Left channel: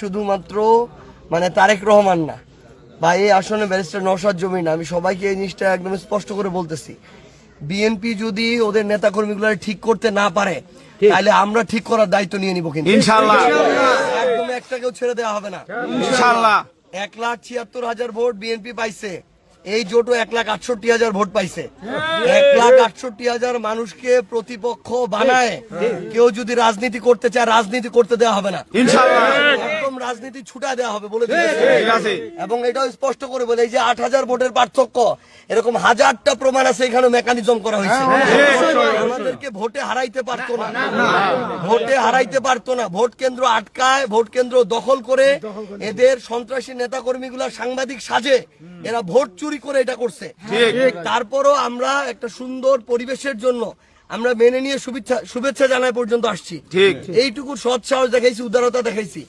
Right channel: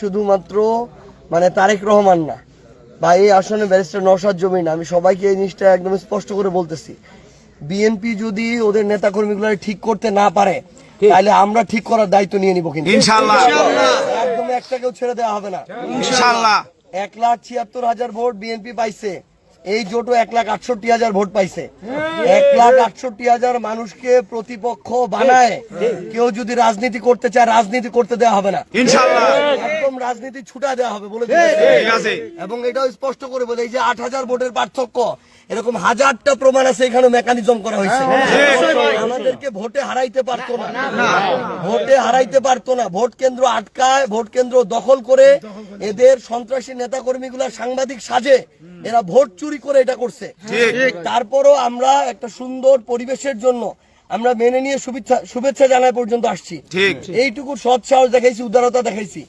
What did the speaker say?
শুধুমাত্র মানে তারেক রহমান না বা এই আসনে ব্যারিস্টার নওশাদ জমির না, আমি সবাইকে এই জিনিসটা একদম স্পষ্ট করে বলতেছি, বিএনপি যদি ওদের নেতাকর্মীগুলো ঠিক করতে না পারে তাহলে আমরা ঠিক করার দায়িত্ব নিয়ে নিব, কিন্তু ইনশাআল্লাহ একদম একটাকেও ছেড়ে দেওয়া হবে না। ইনশাআল্লাহ 1,76,000 ভোট বিএনপি পাইছে, এই জোটও 1,68,000 ভোট পাইছে। 1,68,000 মানুষকে প্রতিপক্ষ বানায় কেউ যদি রাজনীতি করতে চায়, রাজনীতি করতে দেওয়া হবে না ইনশাআল্লাহ। একদম রাজনীতি ছুটা দেওয়া হবে বলে দিয়েছে। এবং এটাও স্পষ্ট করে বলে, এই যে 8,000 ভোটের পার্থক্য, এরকম হাজারটা প্রমাণ আছে, এখানে মেকানিজম করা হয়েছে। আমাদেরকে ভোটে হারাইতে পারতো না, ভোটে হারাইতে পারতো না, ভোট কেন্দ্র আটকায়, ভোট কেন্দ্র দখল করে এদের সন্ত্রাসী নেতা কর্মীগুলা সাংবাদিক সাজে এরা ভোট চুরি করে এটা করছে। তারপরও আমরা একটা সুন্দর পরিবেশের জন্য আমরা মেনে নিয়ে শুভেচ্ছা জানায় পর্যন্ত আসছি। এইটুকু সৎ সাহস দেখাইছি, উদারতা দেখাইছি।